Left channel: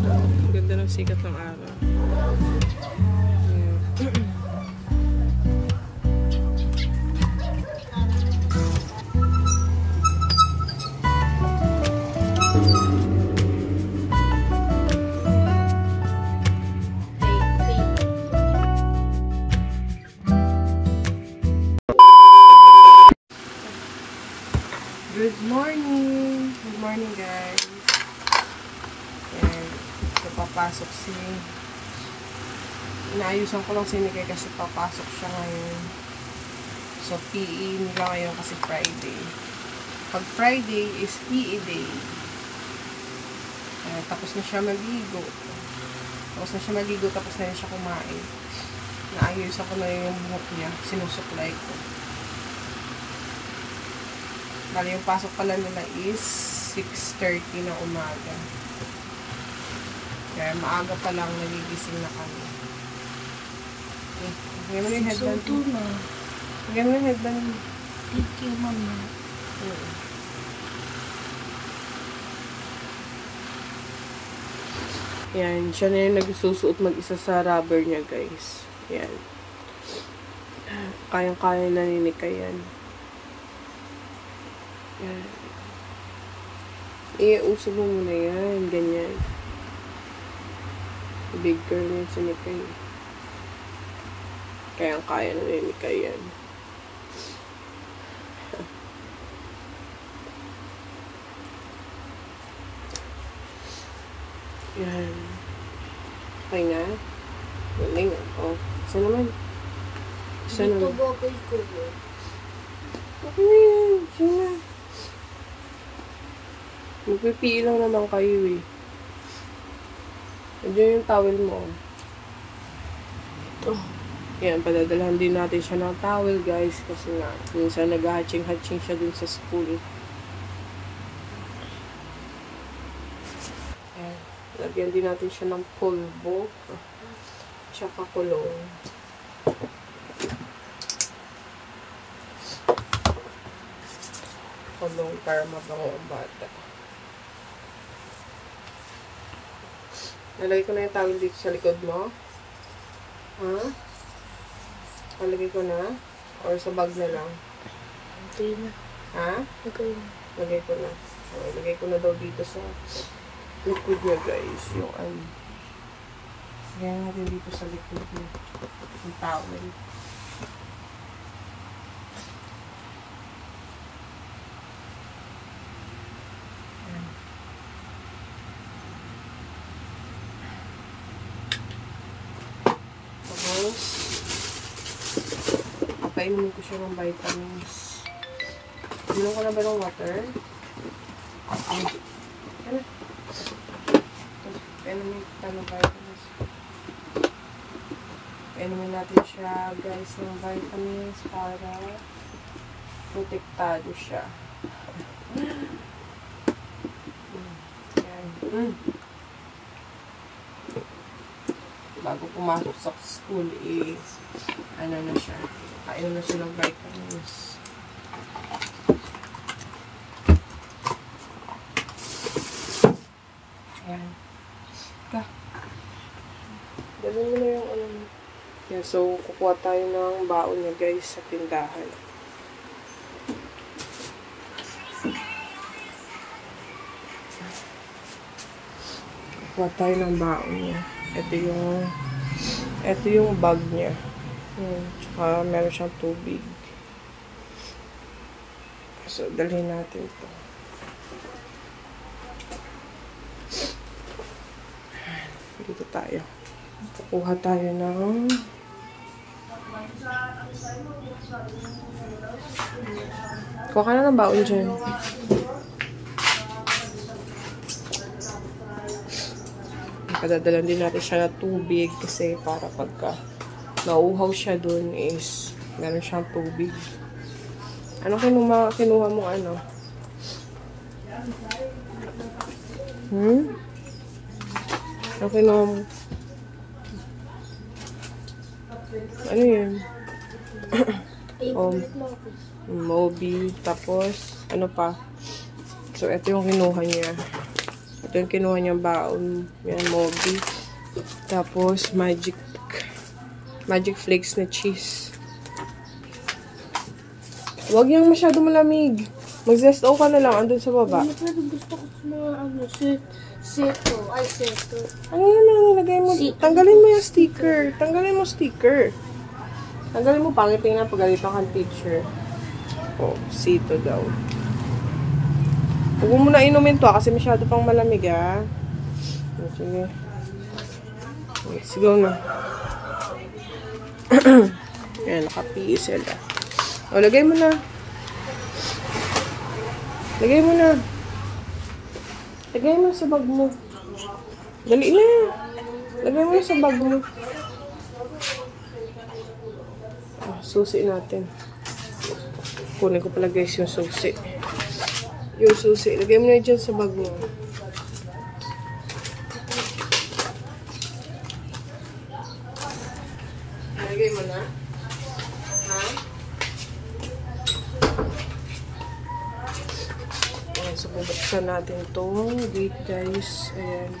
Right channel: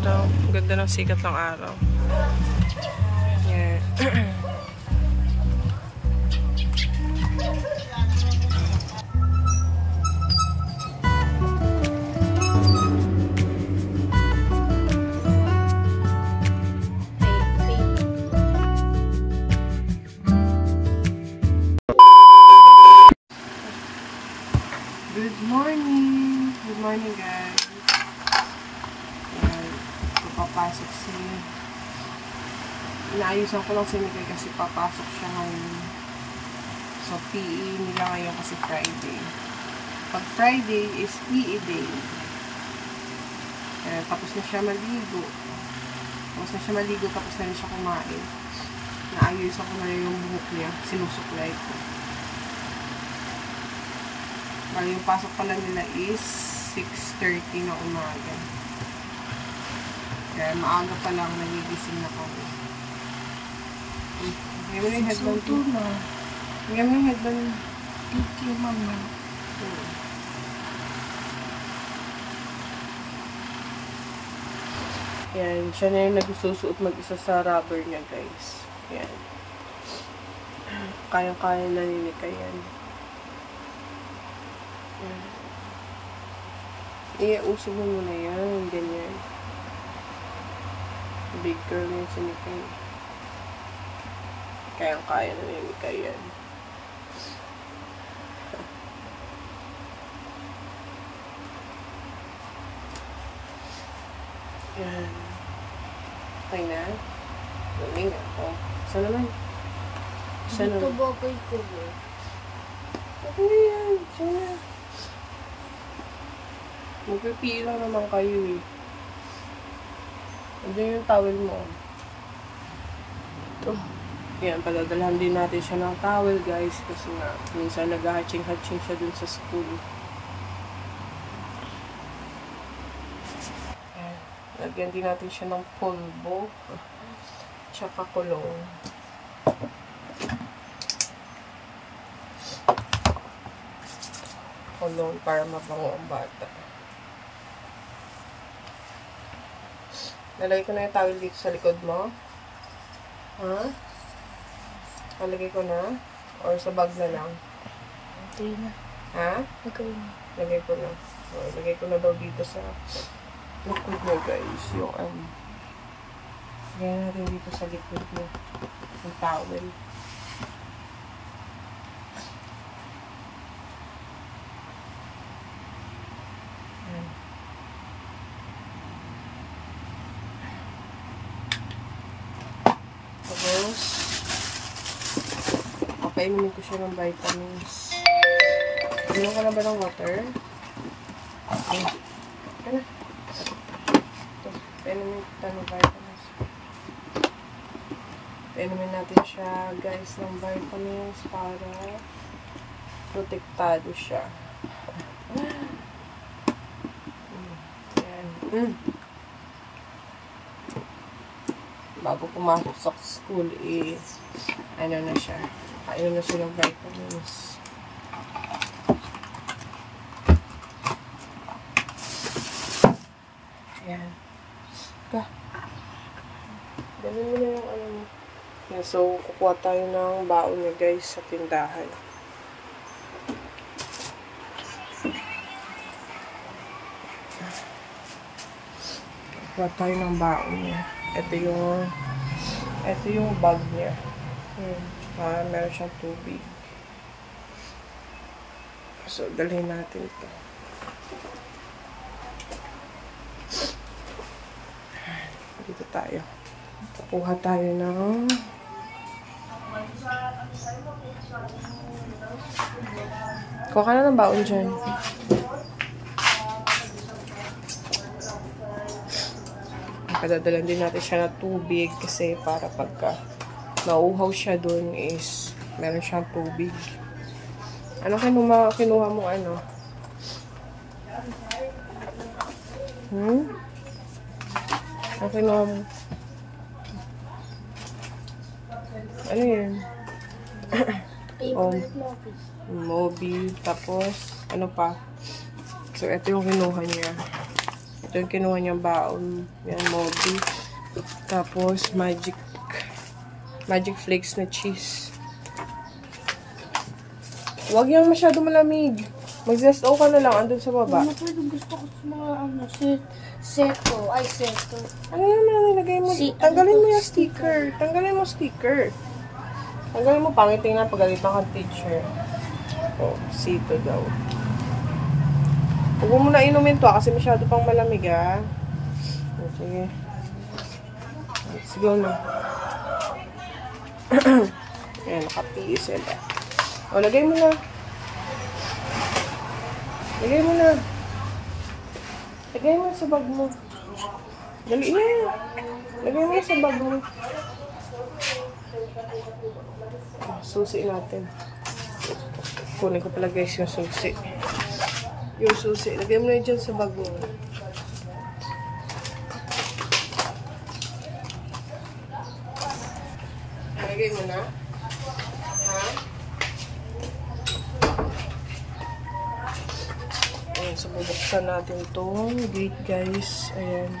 araw. Ganda ng sikat ng araw. Yeah. Good morning! Good morning, guys. Ayan. So, papasok si... Inaayusan ko lang si Mikay kasi papasok siya ngayon. So, PE nila ngayon kasi Friday. Pag Friday is PE day. Ayan, tapos na siya maligo. Tapos na rin siya kumain. Inaayusan ko na yung buhok niya. Sinusuklay ko. Bali, yung pasok pala nila is 6:30 na umaga. Kaya maaga pa lang nagigising na kami. Ngayon mo na yung headband. So, na. Ngayon mo yung headband. Thank you, mama. Yan, siya na yung nagsusuot mag-isa sa rubber niya, guys. Yan. Kayang-kaya na ninika yan. Yan. Iusog mo muna yan. Ganyan. Big girl na yung sinikay. Kayang-kaya na ninika yan. Yan. Okay na. Galing ako. Saan naman? Saan Dito naman? bagay ko na. Okay na yan. Saan na? Magpipili lang naman kayo eh. Andiyan yung towel mo. Ito. Yan, padadalhan din natin siya ng towel, guys. Kasi nga, minsan nag-hatching-hatching siya dun sa school. Yan. Lagyan din natin siya ng pulbo. Tsaka kulong. Kulong para mabango ang bata. Nalagay ko na yung towel dito sa likod mo. Ha? Nalagay ko na? Or sa bag na lang? Okay na. Ha? Okay na. Lagay ko na. O, ilagay ko na daw dito sa likod niya, guys. Yung lagay natin dito sa likod niya. Yung towel. Tapos, papainumin ko siya ng vitamins. Inom ka na ba ng water? Okay. Ano? Painumin kita ng vitamins. Painumin natin siya, guys, ng vitamins para protektado siya. Yan. Bago pumasok sa school, ano na siya. Kainom na siya ng vitamins. Ayan. Dalhin mo na yung ano mo. Yan, so, kukuha tayo ng baon niya, guys, sa tindahan. Kukuha tayo ng baon niya. Ito yung bag niya. Ayan. Tsaka meron siyang tubig. So, dalhin natin ito. Dito tayo. Kukuha tayo ng kuha ka na ng baon dyan. Padadalan din natin siya na tubig kasi para pagka nauuhaw siya dun is meron siyang tubig. Ano kinuha mo ano? Ano kinuha mo? Ano yun? Moby. Tapos, ano pa? So, ito yung kinuha niya. Ito yung kinuha niyang baon. Yan, Moby. Tapos, Magic Flakes na cheese. Huwag yung masyado malamig. Mag-zest ka na lang. Andun sa baba. Ano pwede gusto ko sa mga seto. Ay, seto. Ano naman nilagay mo? Tanggalin mo yung sticker. Tanggalin mo sticker. Tanggalin mo, pangit tingnan pag galit kang teacher. Oh, sito daw. Huwag mo na inumin to kasi masyado pang malamig ah. Sige. Let's go na. Ayan, nakapiis sila. O, lagay mo na. Lagay mo na. Lagay mo sa bag mo. Dali na. Lagay mo sa bag mo. Susi natin. Kunin ko pala guys yung susi. Yung susi. Lagay mo na dyan sa bag mo. Lagay mo na. Ha? Ayan, so bubuksan natin itong gate guys. Ayan.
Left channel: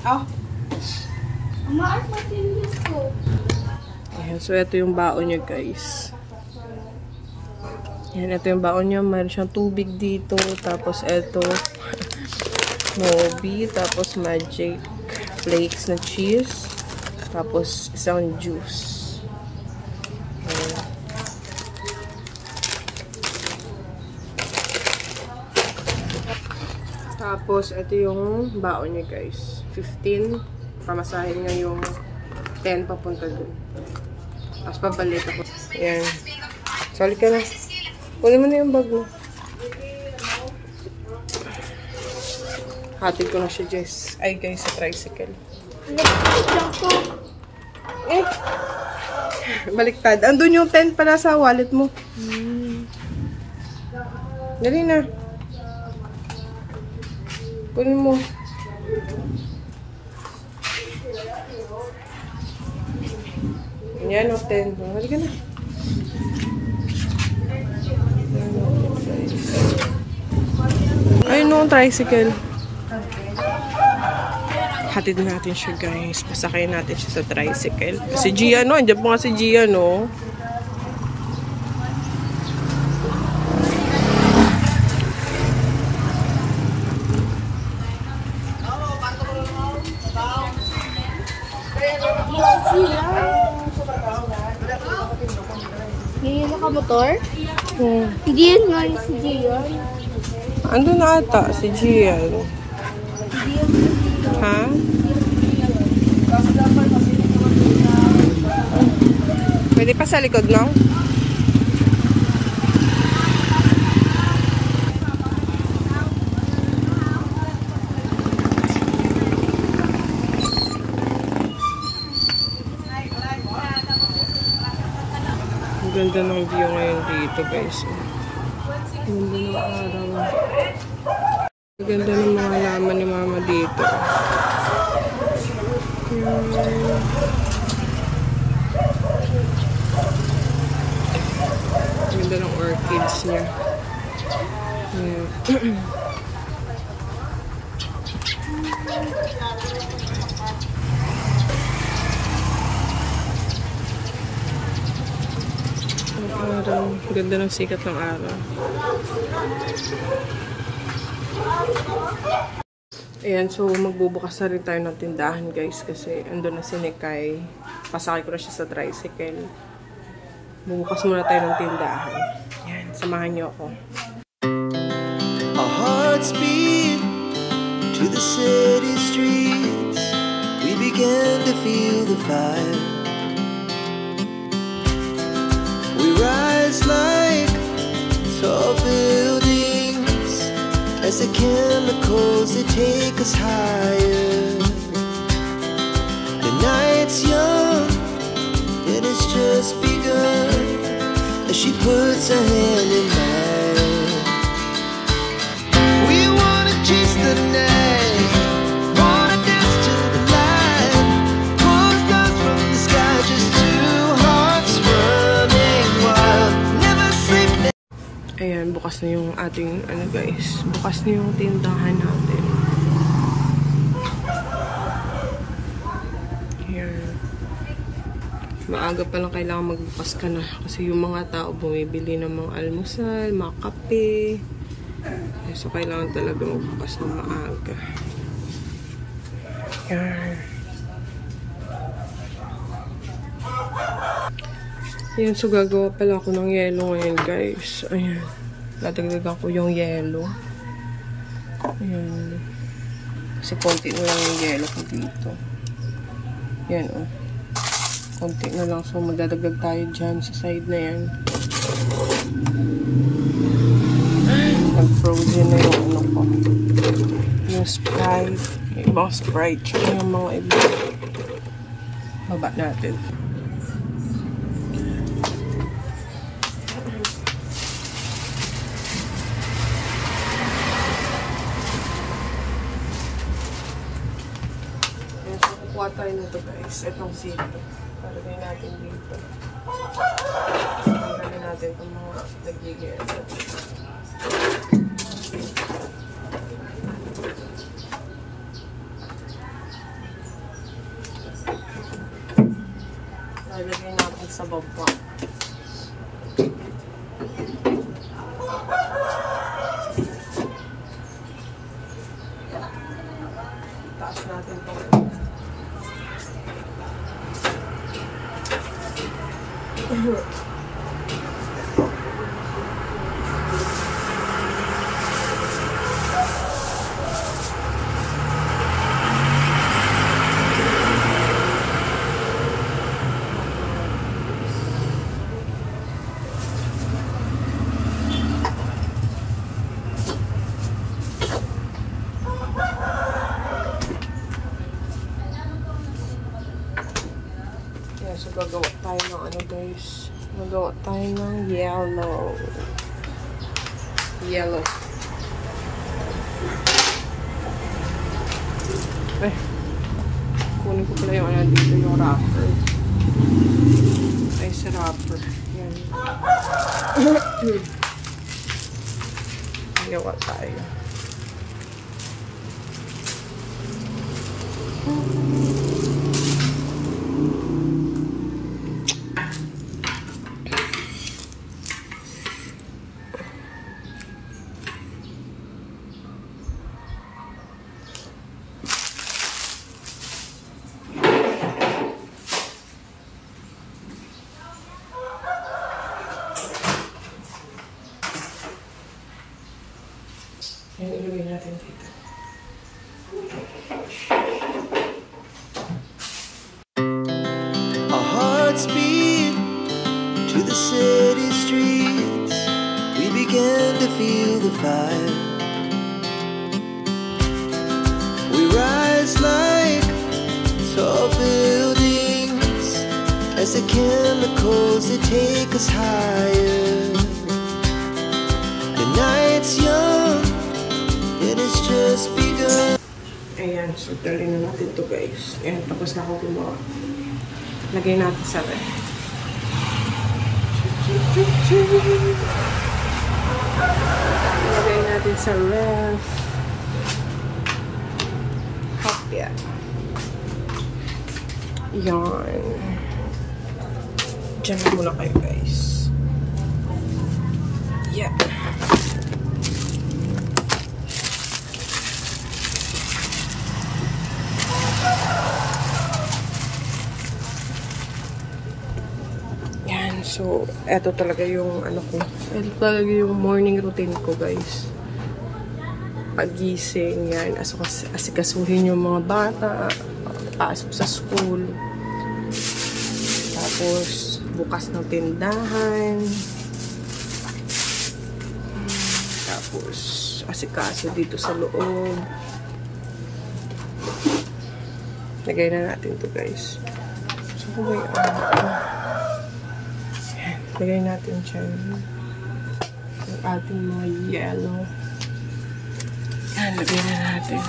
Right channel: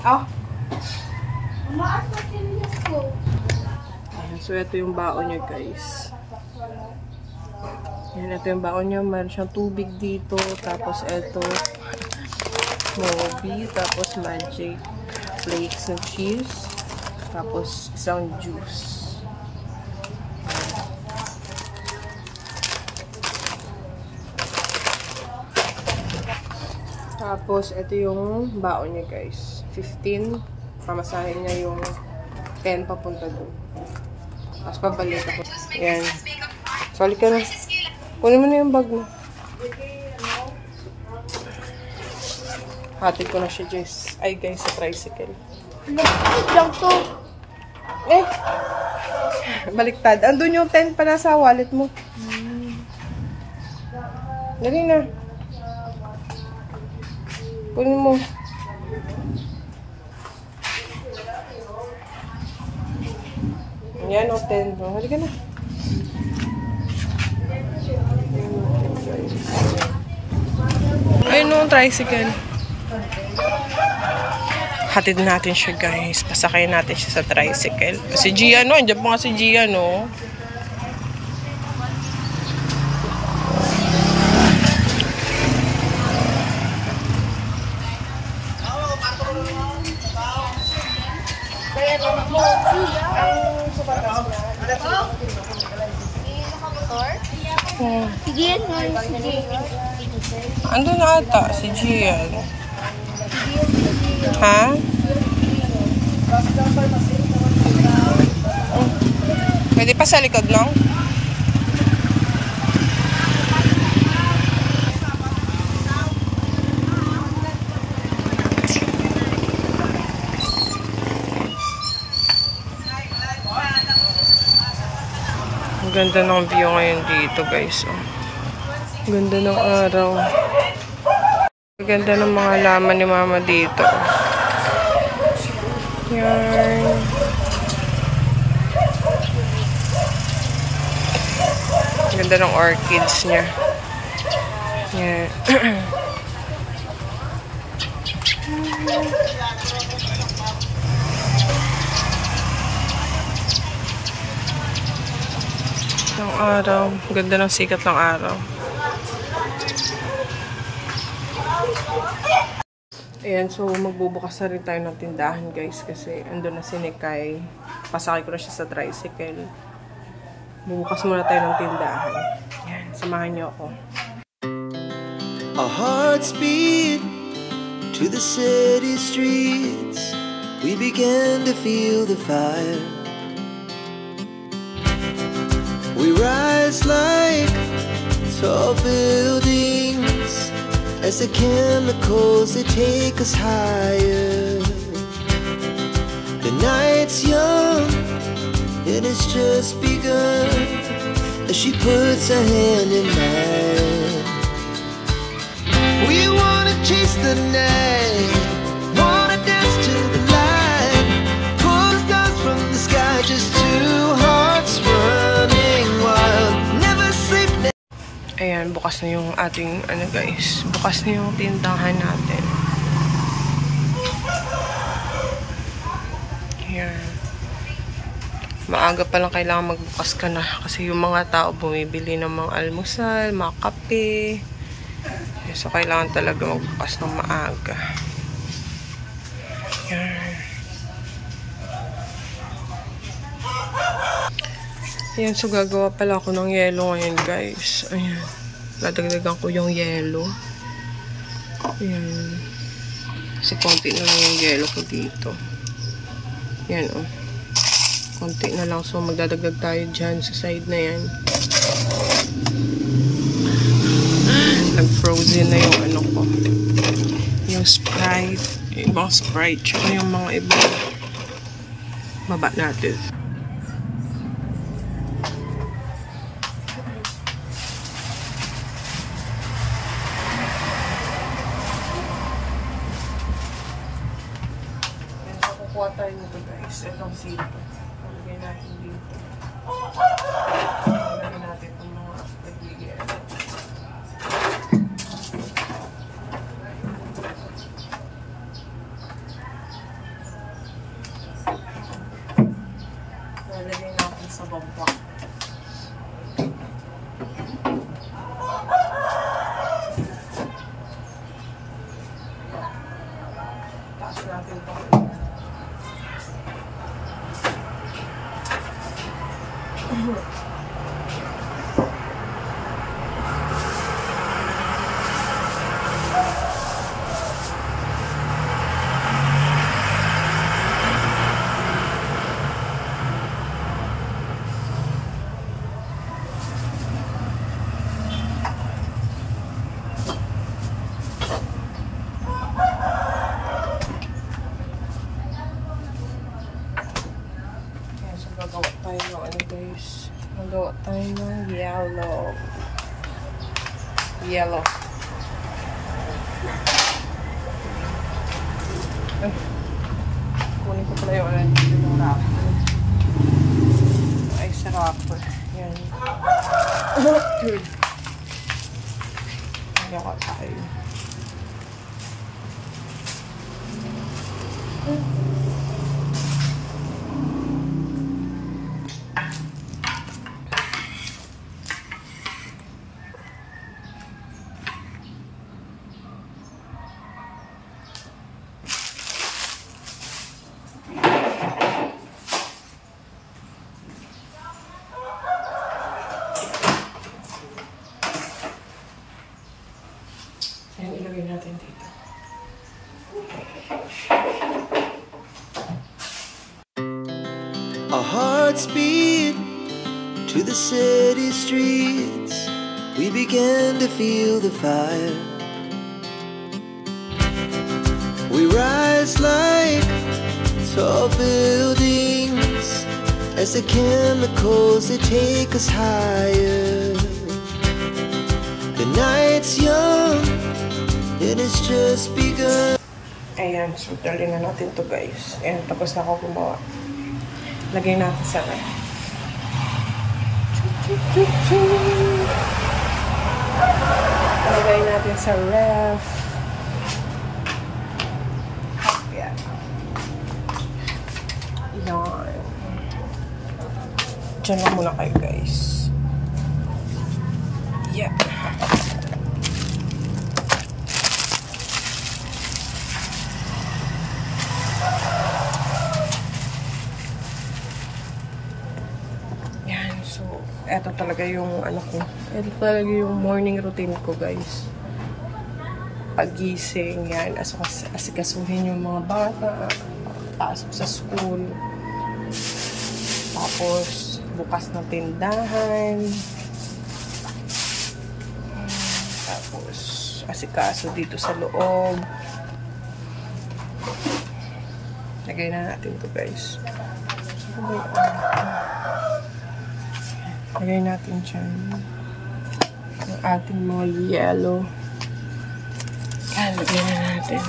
Oh. Umaas na tinigis ko. Ayan, so ito yung baon nyo guys. Ayan, ito yung baon nyo. Meron siyang tubig dito. Tapos ito, Moby. Tapos Magic Flakes na cheese. Tapos isang juice. Ayan. Tapos ito yung baon nyo guys. 15. Pamasahin niya yung 10 papunta dun. Tapos pabalik ako. Ayan. Sali ka na. Kunin mo na yung bag mo. Hatid ko na siya, Jess. Ay, guys, sa tricycle. Lang to. Eh! Baliktad. Andun yung 10 pa nasa wallet mo. Dali na. Kunin mo. Yan, o 10. Halika na. Ayun o, tricycle. Hatid natin siya, guys. Pasakay natin siya sa tricycle. Si Gia, no? Andiyan po nga si Gia, no? May nakamotor? Oh. Si Gian nga yung si Gian. Ando na ata, si Gian. Ha? Pwede pa sa likod, no? Ang ganda ng view ngayon dito, guys. Oh. Ang ganda ng araw. Ang ganda ng mga laman ni Mama dito. Yan. Ang ganda ng orchids niya. Yan. Ng araw. Ganda ng sikat ng araw. Ayan, so magbubukas na rin tayo ng tindahan, guys, kasi andun na si Nikay. Pasakay ko na siya sa tricycle. Bubukas muna tayo ng tindahan. Ayan, samahan niyo ako. Our hearts beat to the city streets. We began to feel the fire. We rise like tall buildings as the chemicals, they take us higher. The night's young and it's just begun as she puts her hand in mine. We wanna chase the night bukas na yung ating, ano guys, bukas na yung tindahan natin. Here. Maaga pa lang kailangan magbukas ka na kasi yung mga tao bumibili ng mga almusal, mga kape. So, kailangan talaga magbukas ng maaga. Yan. Ayan, so gagawa pala ako ng yelo ngayon, guys. Ayan. Nadagdagan ko yung yelo. Ayan. Kasi konti na lang yung yelo ko dito. Yan, oh. Konti na lang. So, magdadagdag tayo dyan sa side na yan. Nag-frozen na yung ano ko. Yung Sprite. Yung ibang Sprite. Tsaka yung mga iba. Baba natin. Yan. So, kukuha tayo nito guys. Itong sito. Talagay natin dito. Talagay natin itong mga nagigil. Nalagay natin sa baba. Taas natin ito. So, gagawa tayo ng ano guys. Gagawa tayo ng yellow. Yellow. Ay. Kunin ko pala yung ano dito, yung wrapper. Ay, sa wrapper. Yan. Gagawa tayo. Yan, ilagay natin dito. Our hearts beat to the city streets. We began to feel the fire. We rise like tall buildings as the chemicals they take us higher. The night's young, it has just begun. Ayan, so dali na natin to guys. Ayan, tapos na ako gumawa. Lagay natin sa ref. Lagay natin sa ref. Hopya. Yan. Diyan na muna kayo guys. Yeah. So, eto talaga yung ano ko. Eto talaga yung morning routine ko, guys. Pagising, yan. Asikasuhin yung mga bata. Pasok sa school. Tapos, bukas ng tindahan. Tapos, asikaso dito sa loob. Lagay na natin to guys. So, lagay natin dyan ang ating mga yellow. Yan, lagay na natin.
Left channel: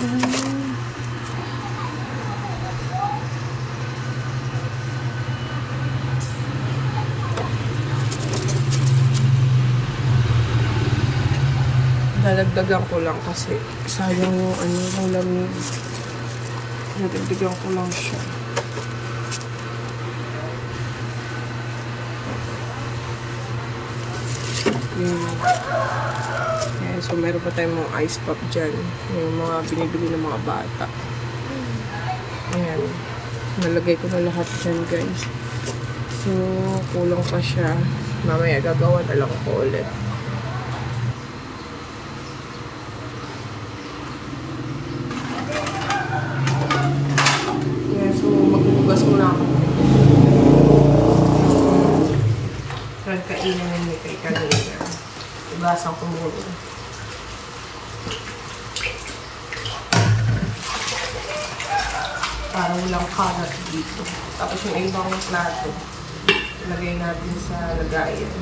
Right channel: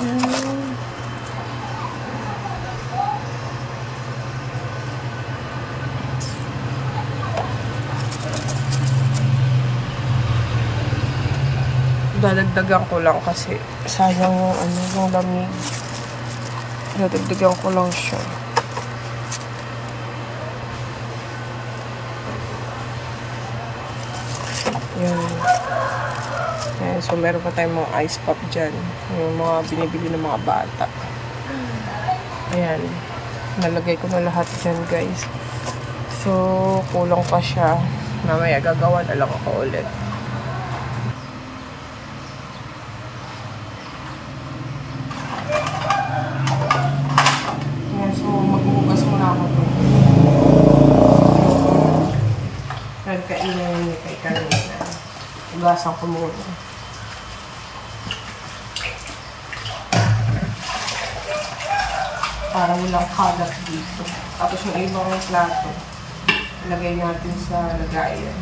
Yan. Dadagdagan ko lang kasi sayang yung ano, yung lamig. Dadagdagan ko lang siya. Yan. Yan. So, meron pa tayong mga ice pop dyan. Yung mga binibili ng mga bata. Ayan. Nalagay ko na lahat dyan, guys. So, kulang pa siya. Mamaya gagawa na lang ako ulit. Yan. So, maghugas muna ako. Nagkainan ni kay kanina. Ugasan ko muna. Para walang kalat dito. Tapos yung ibang plato, ilagay natin sa lagayan.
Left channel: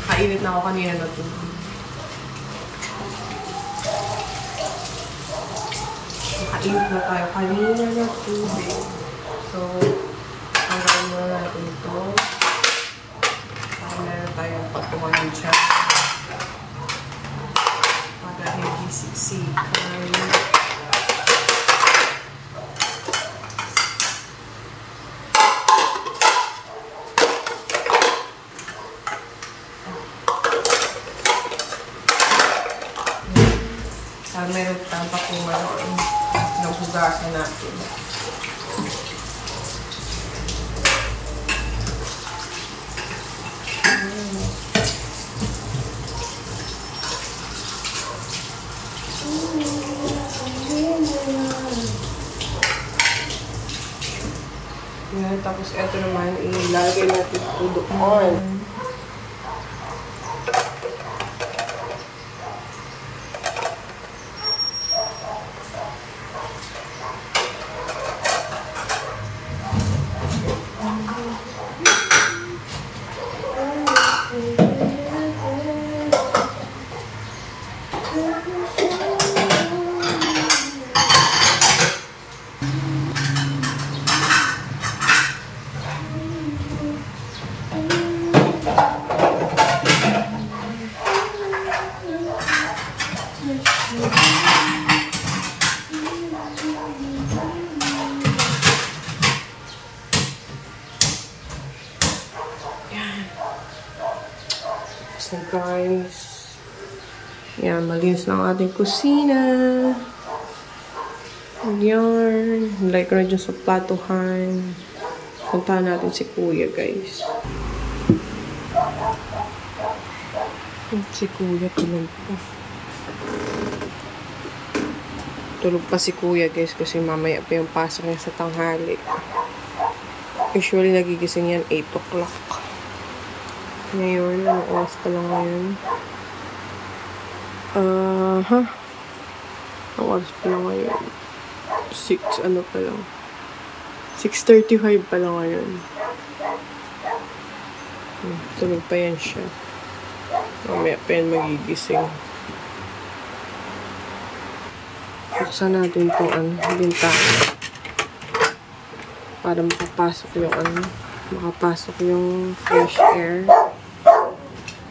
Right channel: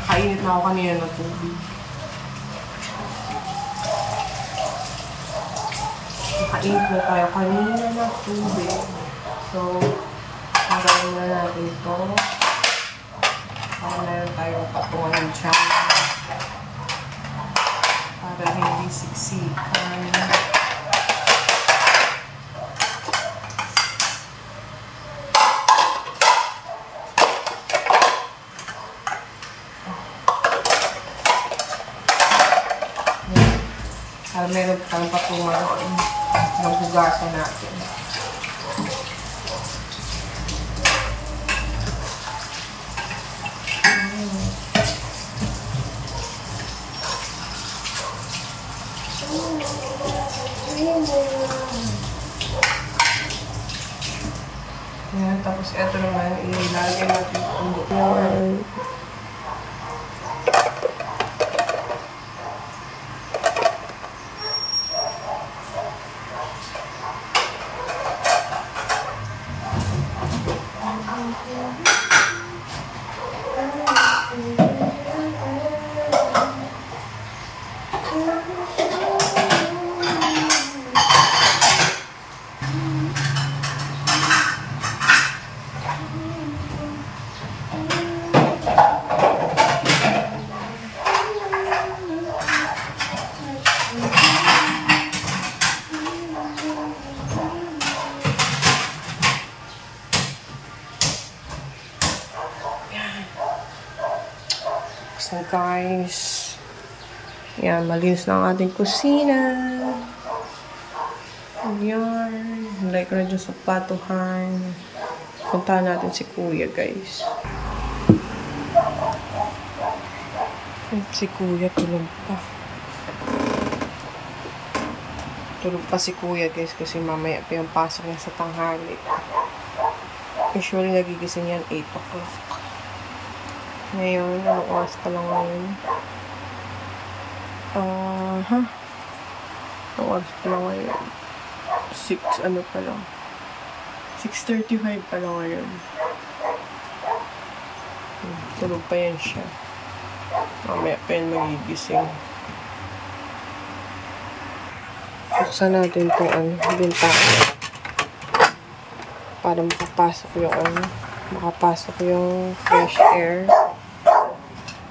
Nakainit na ako kanina ng tubig. Nakainit na tayo kanina ng tubig. So, hanggang muna natin ito. Para meron tayong patungan dyan. Para hindi siksikan. Para meron tayong patungan doon. Maghugasan natin. Yan, tapos ito naman, ilalagay natin ang doon. So guys, yan, malinis na ang ating kusina. Yan, like ko na dyan sa platuhan. Puntahan natin si kuya, guys. Si kuya tulog pa. Tulog pa si kuya, guys, kasi mamaya pa yung pasok niya sa tanghali. Usually nagigising yan 8 o'clock. Ngayon, anong oras pa lang ngayon? Anong oras pa lang ngayon? 6, ano pa lang? 6:35 pa lang ngayon. Tulog pa yan siya. Mamaya pa yan magigising. Buksan natin itong bintana. Para makapasok yung fresh air.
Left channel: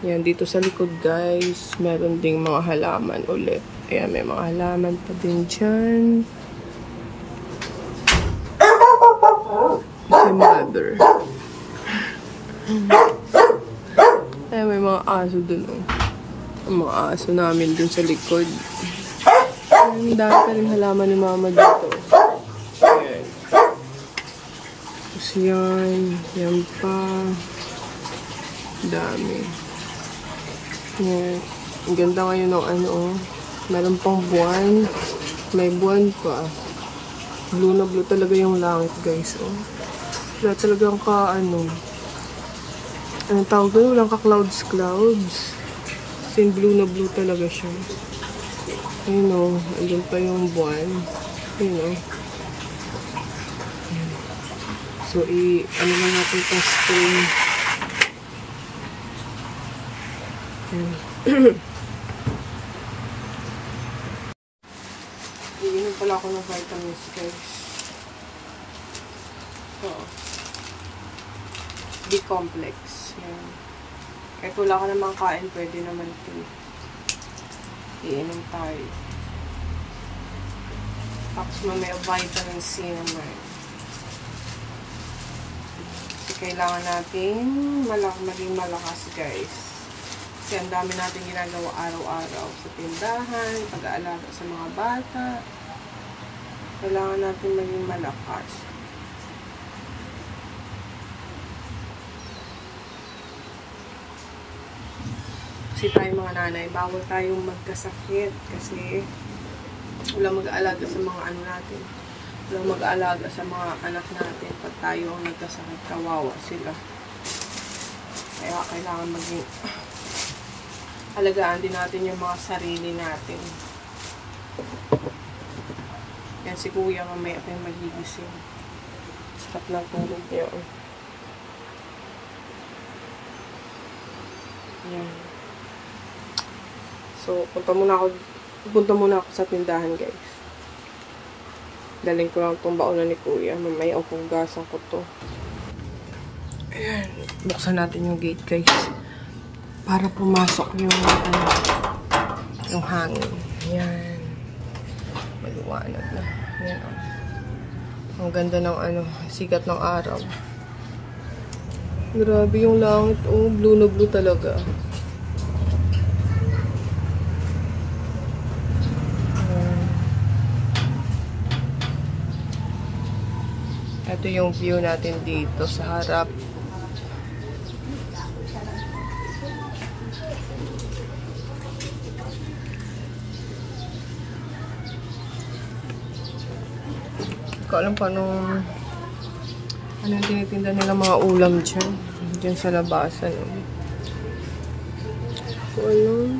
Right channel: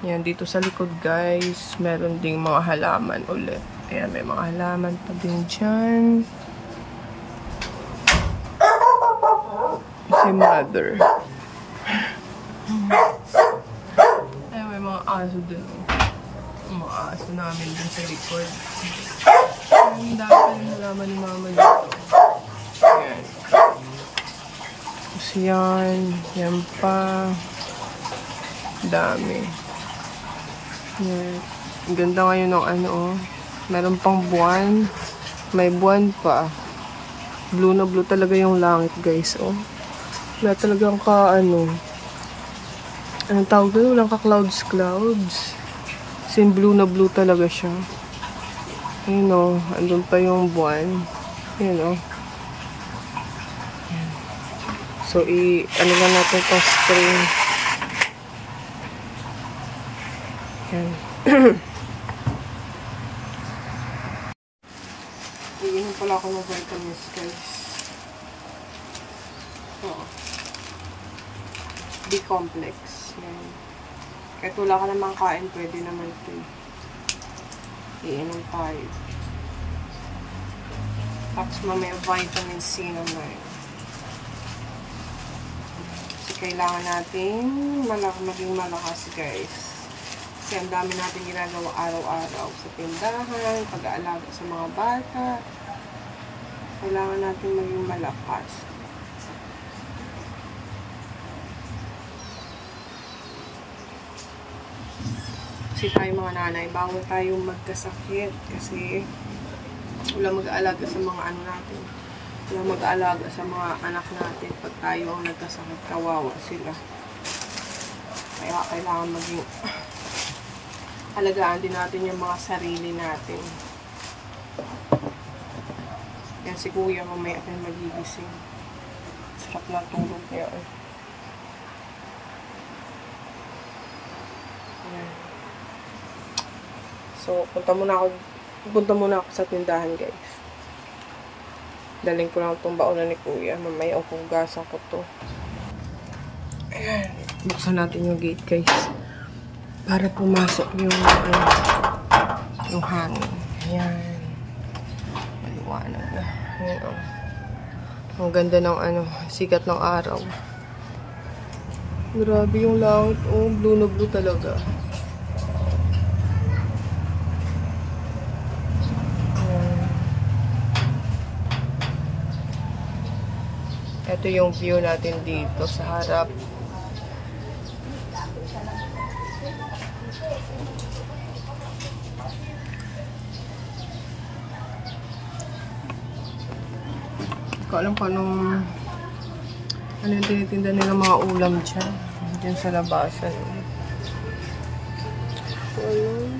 Yan, dito sa likod, guys, meron ding mga halaman ulit. Ayan, may mga halaman pa din dyan. Si mother. Ayan, may mga aso dun, oh. Ang mga aso namin dun sa likod. Ang dami pa rin halaman ni mama dito. Ayan. Tapos yan. Yan pa. Dami. Yan. Ang ganda ngayon ng meron pang buwan. May buwan pa. Blue na blue talaga yung langit, guys, oh. Wala talagang anong tawag doon? Walang ka-clouds. Kasi blue na blue talaga siya. Ayun, oh. Andun pa yung buwan. Ayun, oh. So, lang natin itong spring. Yan. Iinom pala ako ng vitamins, guys. So, 1 B-complex. Yan. Kahit wala ka namang kain, pwede naman ito. Iinom tayo. Tapos mamaya vitamin C naman. Kasi kailangan natin maging malakas, guys. Kasi ang dami natin ginagawa araw-araw sa tindahan, pag-aalaga sa mga bata. Kailangan natin maging malakas. Kasi tayo mga nanay, bawal tayong magkasakit. Kasi wala mag-aalaga sa mga ano natin. Wala mag-aalaga sa mga anak natin. Pag tayo ang nagkasakit, kawawa sila. Kaya kailangan maging alagaan din natin yung mga sarili natin. Yan si kuya, mamaya pa yung magigising. Sarap ng tulog niya. Yan. So, punta muna ako sa tindahan, guys. Daling ko lang itong baonan ni kuya. Mamaya hugasan ko to. Ayan. Buksan natin yung gate, guys. Para pumasok yung hangin. Ayan. Maliwanag na. Ayan. Ang ganda ng sikat ng araw. Grabe yung langit. Oh, blue na blue talaga. Ayan. Ito yung view natin dito sa harap. Alam ko ano yung tinitinda nila mga ulam dyan sa labasan. So, ayun.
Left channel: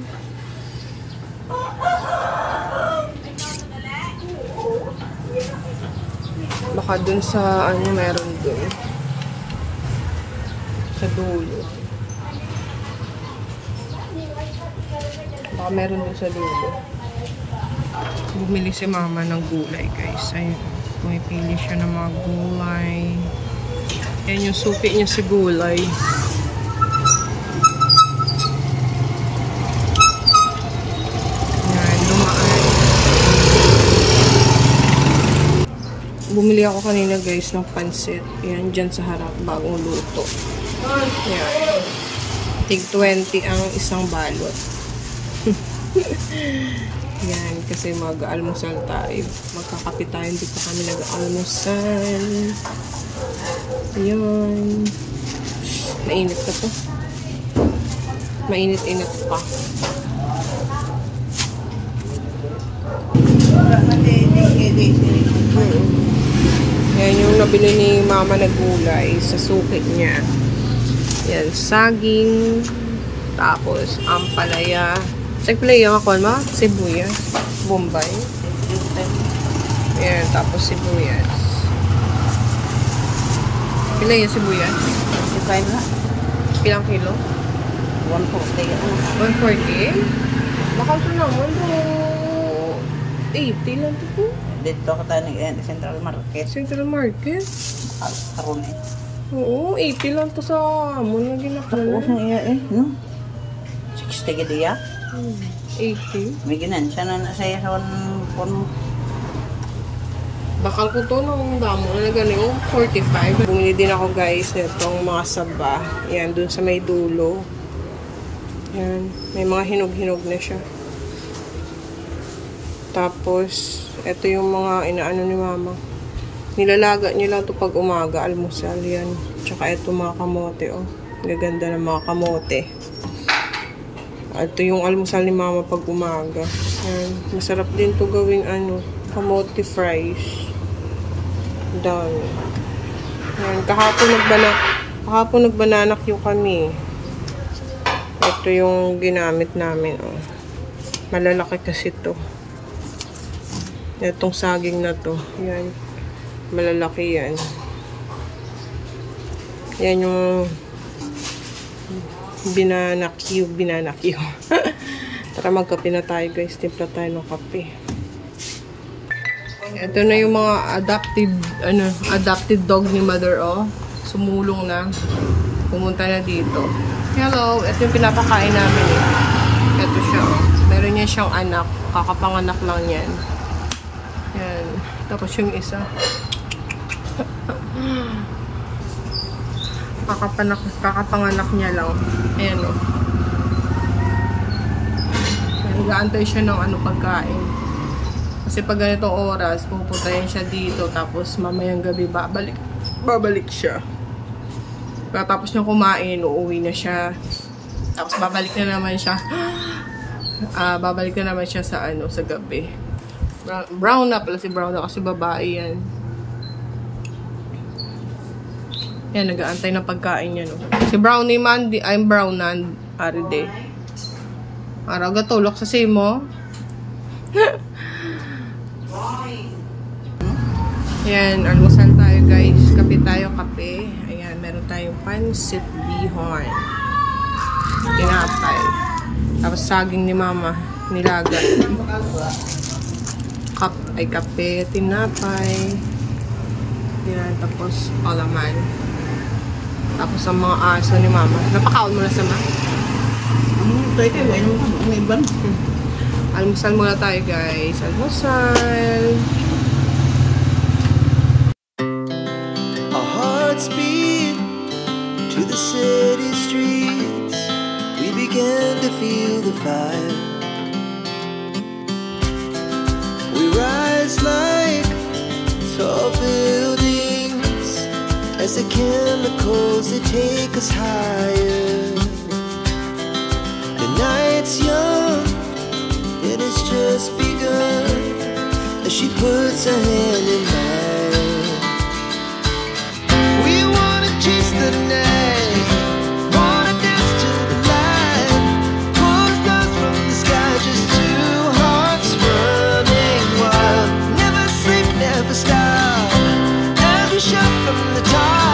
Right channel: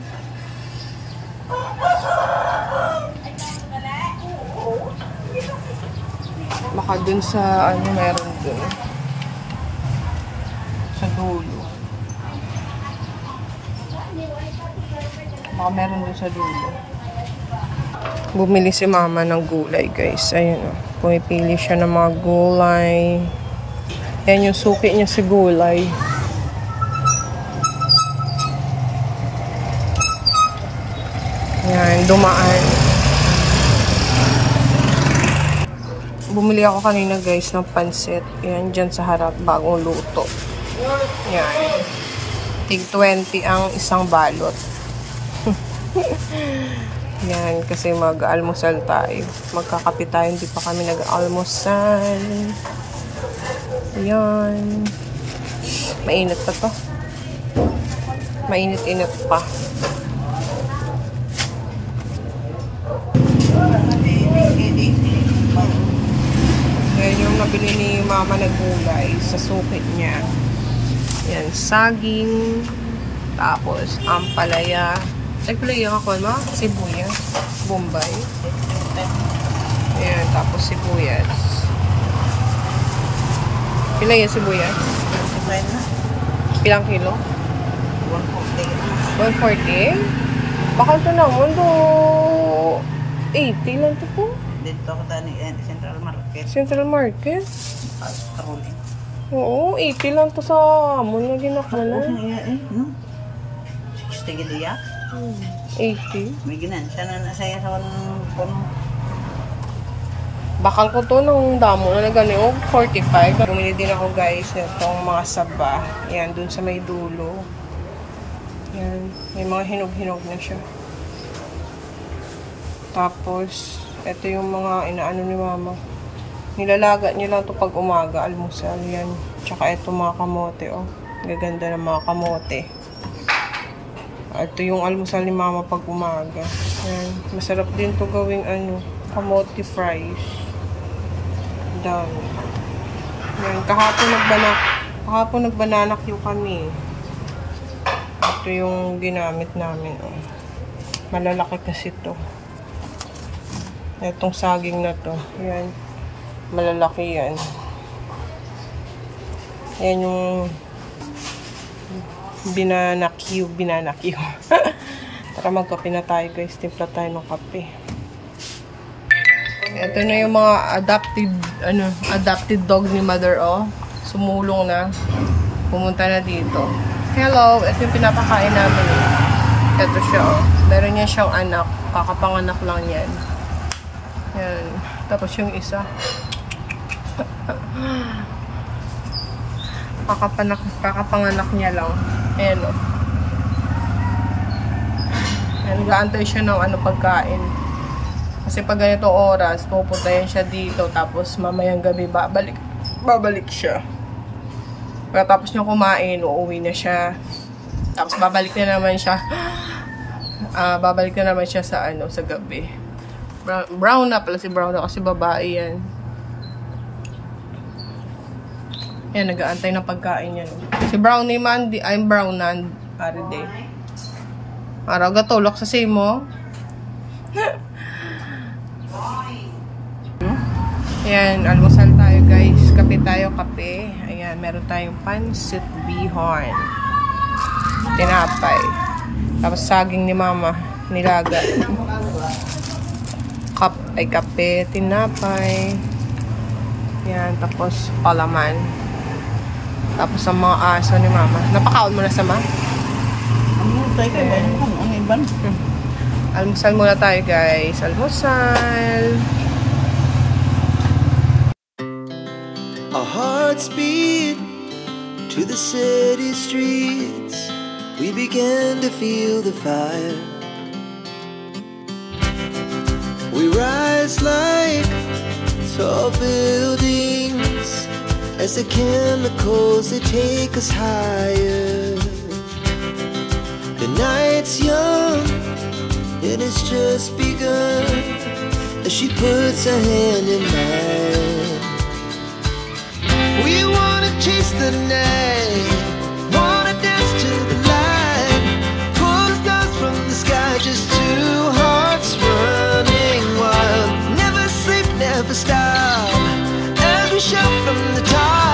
Baka dun sa meron dun sa dulo. Baka meron dun sa dulo. Bumili si mama ng gulay, guys. Ayun. Pumipili siya ng mga gulay. Yan yung suki niya sa gulay. Yan, dumaan. Bumili ako kanina, guys, ng pansit. Yan, dyan sa harap, bagong luto. Yan. Tig 20 ang isang balot. Yan, kasi mag-almusal tayo. Magkakape tayo, hindi pa kami nag-almusal. Yan. Mainit pa to. Mainit-init pa. Yan yung nabili ni mama na gulay sa suki niya. Yan, saging. Tapos, ampalaya. Nagplay yung ako, ma? Sibuyas. Bombay. Ayan, tapos sibuyas. Pila yung sibuyas? 25 na. Pilang kilo? 140. 140? Bakal ito naman do 80 lang ito po. Dito ako tayo Central Market. Central Market? Karuni. Oo, 80 lang ito sa amon na ginakala. No? 60 gidi ya? 80. Biginan siya na nasaya sa 1. Bakal ko to nung damo na nagano 45. Bumili din ako, guys, itong mga saba. Yan, dun sa may dulo. Yan, may mga hinog-hinog na siya. Tapos, ito yung mga inaano ni mama. Nilalaga niya lang to pag umaga, almusal. Yan. Tsaka ito mga kamote, oh. Gaganda ng mga kamote. Ito yung almusal ni mama pag umaga. Yan. Masarap din to gawing kamote fries. Dami. Yan. Kahapon nagbanana Q kami. Ito yung ginamit namin. Oh. Malalaki kasi to. Itong saging na to. Yan. Malalaki yan. Yan yung banana Q. Tara, magkape na tayo, guys. Timpla tayo ng kape. Ito na yung mga adopted dog ni mother, oh. Sumulong na. pumunta na dito. Hello, ito yung pinapakain namin eh. Ito siya oh. Meron niya siyang anak. Kakapanganak lang yan. Yan. Tapos yung isa. Kakapanganak niya lang. Ayan oh. Nag-aantay siya ng pagkain. Kasi pag ganitong oras, pupunta yan siya dito. Tapos mamayang gabi babalik siya. Pagkatapos niya kumain, uuwi na siya. Tapos babalik na naman siya. Babalik na naman siya sa sa gabi. Brown na pala si Brown na kasi babae yan. Yan, nag-aantay ng pagkain niya no. Si Brown ni Mandy, I'm Brown na Aride. Araw gatulok sa simo. Ayan, almusal tayo guys. Kape tayo, kape. Ayan, meron tayong pansit bihon. Tinapay. Tapos saging ni mama. Nilaga. Kape, tinapay. Ayan, tapos palaman. Tapos ang mga aso ni mama. Napakaon mo na sa ma? Almusal muna tayo guys. Almusal. Our hearts beat to the city streets. We began to feel the fire. We rise like tall buildings as the chemicals they take us higher. The night's young, it has just begun as she puts her hand in mine. We wanna chase the night, wanna dance to the light, pull the stars from the sky, just two hearts running wild. Never sleep, never stop, as we shout from the top.